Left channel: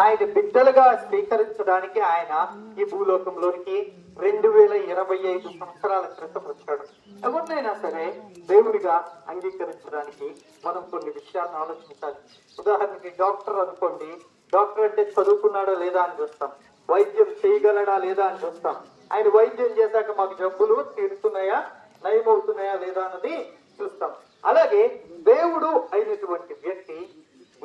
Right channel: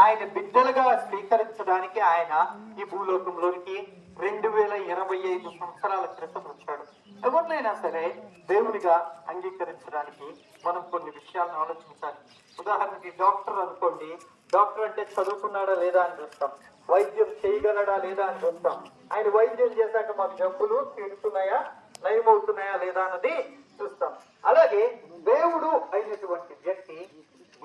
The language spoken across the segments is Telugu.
ఆయన బిడ్డలుగా స్వీకరించడానికి ఆయన ఈ భూలోకంలోనికి 2025 సంవత్సరాల క్రితం వచ్చాడు. ఎవరినైనా సరే దేవుడిగా అంగీకరించడానికి మనం కొన్ని విషయాలను ఆలోచించాలి. ఉదాహరణకి డాక్టర్ అనుకోండి, డాక్టర్ అంటే చదువుకున్నాడా లేదా అని చూస్తాం, వైద్యం చేయగలడా లేదా అని చూస్తాం. ఆయన వైద్యం చేశాక మాకు జబ్బులు తీరుతున్నాయా, నయమవుతున్నాయా లేదా అన్నది చూస్తాం. అలాగే దేవుడు అయినటువంటి వ్యక్తి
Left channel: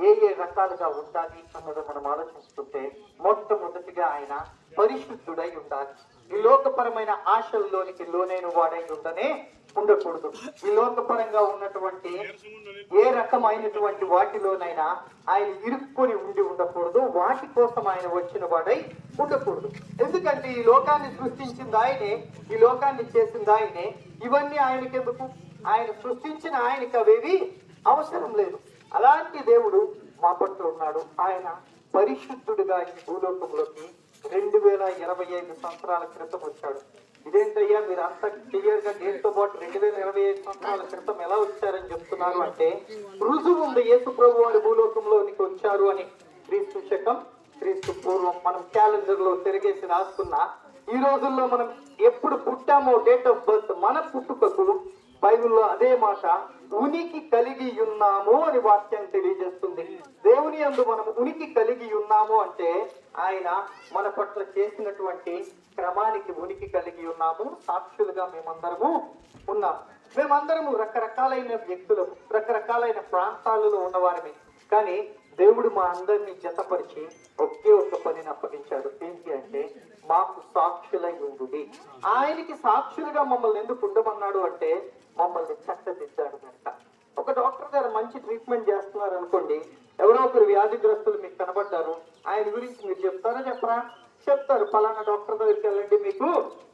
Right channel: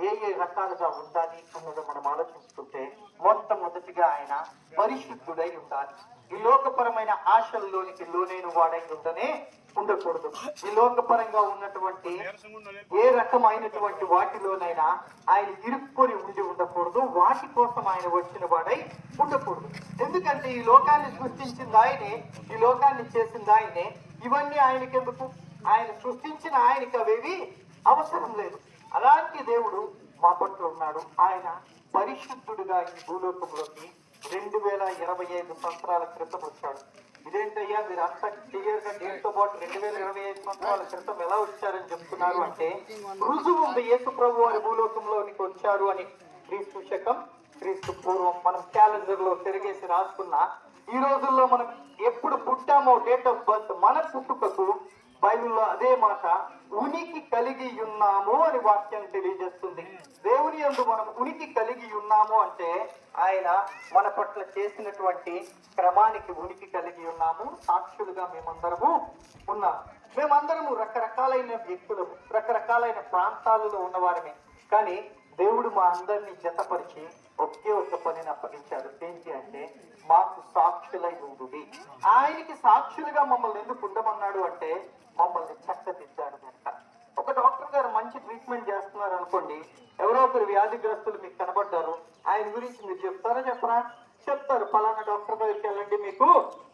ఏ రకాలుగా ఉండాలి అన్నది మనం ఆలోచిస్తుంటే మొట్టమొదటిగా ఆయన పరిశుద్ధుడై ఉండాలి. ఈ లోకపరమైన ఆశల్లోనికి లోనైన వాడై ఉండకూడదు. ఈ లోకపరంగా ఉన్నటువంటి ఏ రకమైనటువంటి వాటిలోనైనా ఆయన ఇరుక్కొని ఉండకూడదు. వాటి కోసం ఆయన వచ్చిన వాడై ఉండకూడదు. ఎందుకంటే ఈ లోకాన్ని సృష్టించింది ఆయనే, ఈ లోకాన్ని చేసింది ఆయనే. ఇవన్నీ ఆయనకెందుకు? ఆయన సృష్టించిన ఆయనకి అవేవి అవసరం లేదు. అలాంటి దేవుడు మా పట్ల ఉన్నాడు. ఆయన పరిశుద్ధుడుగా ఈ భూలోకంలోకి 2025 సంవత్సరాల క్రితం వచ్చాడు. ఇదేంటయ్యా మీరు అంత క్లియర్ గా డేట్తో పాటు 2025 సంవత్సరాల క్రితం ఎలా వచ్చారని చెప్తున్నారు అంటే, రుజువు ఉంది యేసు ప్రభు వారి భూలోకంలోనికి వచ్చారు అని. క్రీస్తు శకం క్రీస్తు పూర్వం మనం క్యాలెండర్ లో తిరిగేసి రాసుకున్నా ఈ రోజుల్లో మనం ఎప్పుడు పుట్టామో డేట్ ఆఫ్ బర్త్ మన పుట్టుకకు బైబిల్లో అదే మాట ఉనికి కలిగి ఉన్నాము అని వాక్యం తెలియజేస్తుంది. దేవుని యందు మనం ఉనికి కలిగి ఉన్నాము అంటే ఆయన మన పట్ల చేసినటువంటి క్రమానికి ఉనికి కలిగి ఉన్నాము. సాక్షులుగా మేమందరము ఉన్నాము. మేమందరము రకరకాలైన వ్యక్తులము, రకరకాలైన ప్రాంతాలలో ఉన్నవారమే. కానీ దేవుడు మా అందరినీ జతపరిచి ఒకే ఒక్క పనిని అప్పగించాడు. ఏంటి అంటే మాకు సాక్షులై ఉండుడి. ఆయనకి సాక్షులుగా మమ్మల్ని ఎందుకు ఉండమన్నాడు అంటే మమ్మల్ని చక్కదిద్దాడు కనుక. ఒక డాక్టర్ గారు మంచి ట్రీట్మెంట్ చేస్తున్నారు అనుకోండి, ఎవరో ఒకరు వ్యాధిగ్రస్తులు మీకు కనబడ్డారు, ఆయన గురించి మీరు చెప్తారా చెప్పరా? చెప్తారు. ఫలానా డాక్టర్ దగ్గరికి వెళ్ళండి, మీకు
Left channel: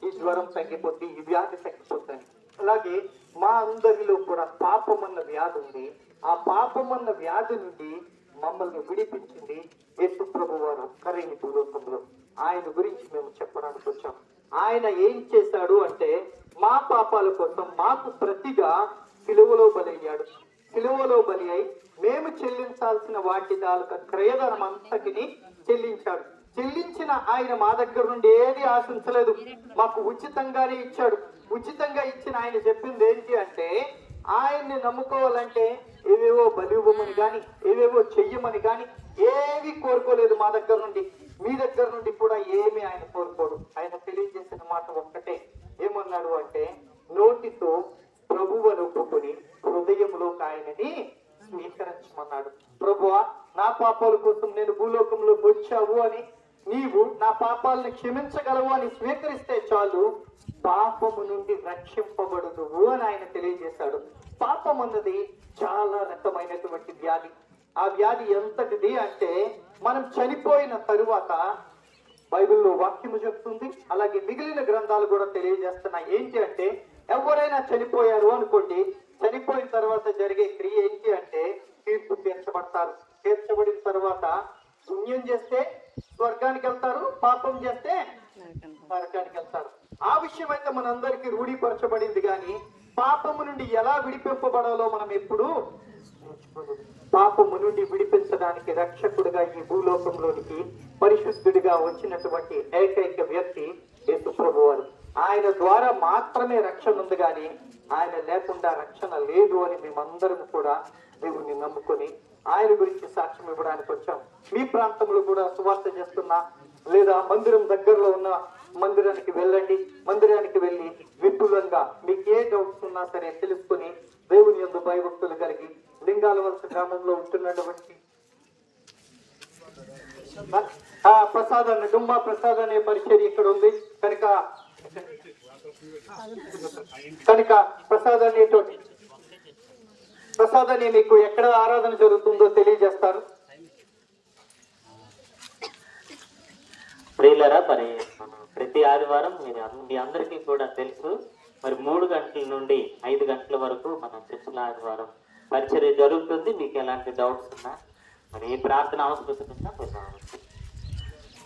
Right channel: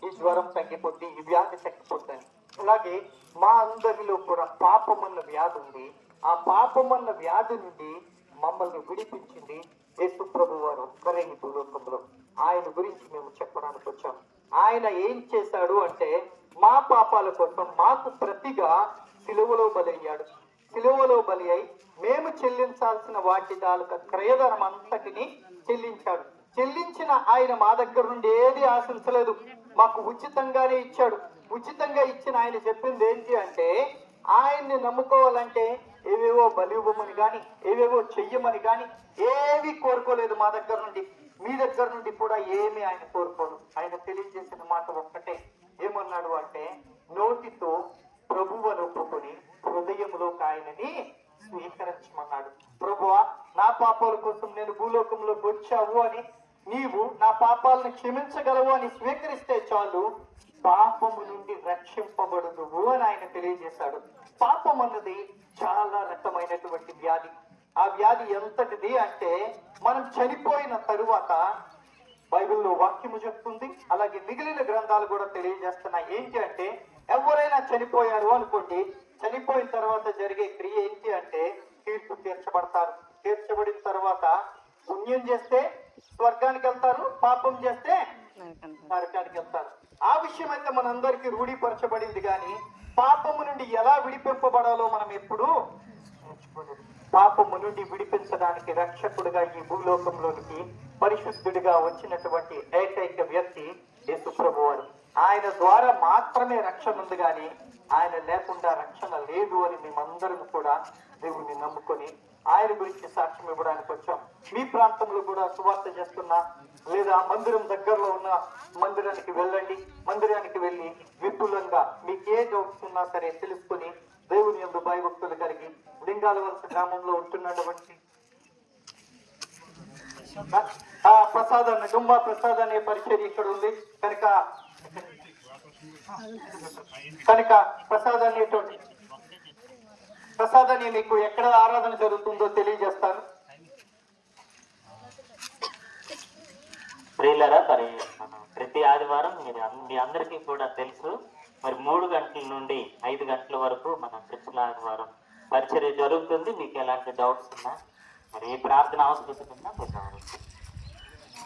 ఈ జ్వరం తగ్గిపోద్ది, ఈ వ్యాధి తగ్గిపోద్దని. అలాగే మా అందరిలో కూడా పాపమన్న వ్యాధి ఉంది. ఆ పాపమన్న వ్యాధి నుండి మమ్మల్ని విడిపించింది యేసు ప్రభు వారు ఒక్కరైన భూలోకంలో. ఆయన గురించి మేము చెప్పడానికి వచ్చాం. ఆయన ఏం చేశాడు అంటే మా పాపాల కోసం మాకు ప్రతిగా సిలువలో బలయ్యాడు. సిలువలో బలి అయి మేము చెల్లించాల్సిన వాటి తాలూకా క్రయధనం అంతటిని చెల్లించాడు. చెల్లించిన ఆయన మా దగ్గర నుండి ఏది ఆశించలేదు, మాకు ఉచితంగానే ఇచ్చాడు. ఉచితంగా ఇచ్చిన ఆయన చెప్పింది ఏంటి అంటే ఆయన్ని నమ్ముకోవాలంటే ఏవేవో బలి ఇవ్వమని కానీ ఏవేవో చెయ్యమని కానీ ఏవి కోరుకోలేదు మా దగ్గర నుండి. మీ దగ్గర నుండి కూడా ఏమి ఆయన కోరుకోడు. ఆయన తెలియజేసిన మాట ఒక్కటే, ఏమన్నాడు అంటే నోటితో ప్రభువును ఒప్పుకొని హృదయంలోకి ఆయనని స్వీకరించమన్నాడు. ప్రభువా నా పాపాల కోసం నేను భూలోకంలోకి వచ్చావు అని, నీవు నా పాపాలను క్షమించగలవు అని స్వీకరిస్తే చాలు, పాపము నుండి రక్షింపబడుదువు అని ఆయన తెలియజేశాడు. పాపం అన్నది చాలా రకమైనటువంటి వ్యాధి. ఆ వ్యాధి ఎంతటిది అంటే మనం చనిపోయిన తరువాత బైబిల్లో వాక్యము చెప్తుంది, అలాగే మిగిలిన గ్రంథాలు కూడా తెలియజేస్తున్నాయి. ఏంటి అంటే ఎవరైనా చనిపోయారు అనుకోండి, చనిపోయిన తర్వాత జరిగే క్రియ ఏంటి అంటే తీర్పు తీర్చబడతారు. తీర్చబడిన తర్వాత పుణ్యం చేస్తే స్వర్గానికి వెళ్తారు, పాపం చేస్తే నరకానికి వెళ్తారు. ఆ విషయం అయితే మనందరికీ రూఢీపరచబడింది. కానీ పాపము నుండి ఎలా విడిపింపబడాలో మనం ఎప్పుడు పాపము నుండి విడిపించడానికి రక్షకుడిగా ఈ భూలోకంలోనికి పరిశుద్ధుడిగా వచ్చినటువంటి ఏకైక వ్యక్తి యేసు ప్రభువారు. ఆయన ద్వారా మాత్రమే రక్షణ ఉంది, కానీ ఆయన లేకుండా రక్షణ లేదు అని మేమందరం కూడా దేవుణ్ణి నమ్ముకొని ఆయన గురించి సాక్ష్యం ఇవ్వడానికి వచ్చాం. మీ ప్రాంతంలో కూడా సువార్త చేస్తున్నా లేదా మందిరం దగ్గరలో ఉన్న మందిరానికి వెళ్ళండి. మందిరానికి వెళ్ళి విపులంగా మీకు ఏ డౌట్స్ ఉన్నా సరే తెలుసుకుని దేవుని యందు భయభక్తులు కలిగి లింగాల వలస గ్రామంలో ఉంటున్నటువంటి ప్రసాదాన్ని డుంబా ప్రసాద్ అనే పరిచర్య ఇక్కడ ఉంది కనుక ప్రసాదాన్ని మీకు ఎక్కడ ఆరాధన జరుగుతుందో తెలియజేస్తారు. ప్రియులారా, మరి ప్రతి ఆదివారం మీ అందరికీ కూడా తెలుసు, మరి 3 గంటల నుండి 5 గంటల వరకు మన చర్చల ఆదివారం పరిచర్య జరుగుతుంది. మీకు ఎలాంటి డౌట్స్ ఉన్నా, మరి ఏ ప్రార్థన అవసరం ఉన్నా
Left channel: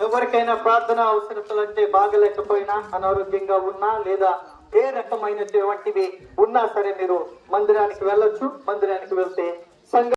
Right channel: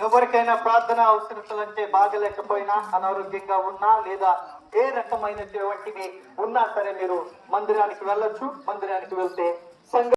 ఎవరికైనా ప్రార్థన అవసరతలు అంటే బాగలేకపోయినా, అనారోగ్యంగా ఉన్నా లేదా ఏ రకమైనటువంటివి ఉన్నా సరే మీరు మందిరానికి వెళ్ళొచ్చు. మందిరానికి వెళ్తే